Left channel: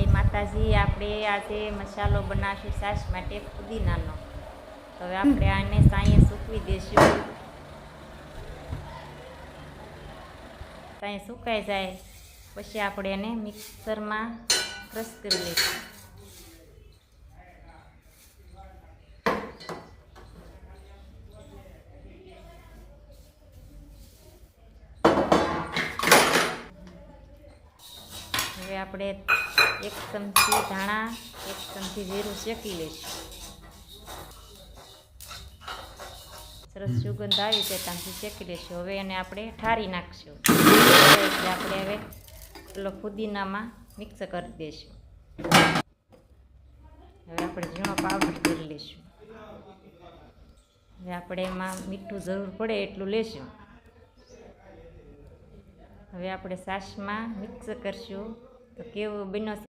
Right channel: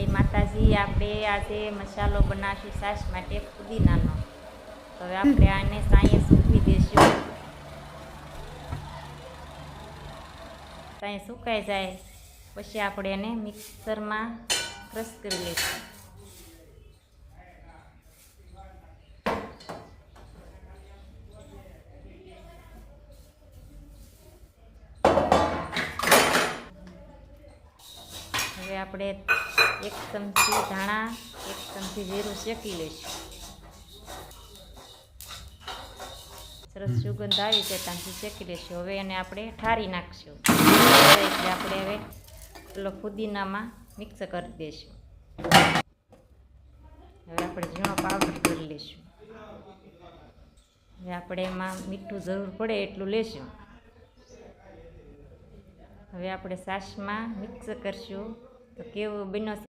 જય માતાજી। આપણે આજે મસાલો બનાવશું છાશ માટે ફુદીનાનો। તો હવે આપણે આને સાંયે સૂકવી દઈશું। સાંયે સુકાઈ જાય પછી આપણે એને મિક્સરમાં ક્રશ કરી લઈશું। હવે આપણે 1 ચમચી ધાણા 1 ચમચી જીરું શેકી લઈશું। સરસ સુગંધ આવી જાય ત્યાંથી શેકી લઈશું। હવે એને આપણે ઠારી નાખશું એટલે આપણે હવે પેલો ફુદીનામાં મિક્સ કરી દઈશું। હવે આપણે ઝીણો પાવડર કરી લઈશું। હવે આપણે એમાં મીઠું જરૂર પડે એટલું લેશું। હવે આપણે છાશમાં મિક્સ કરશું તો કેવું બન્યો।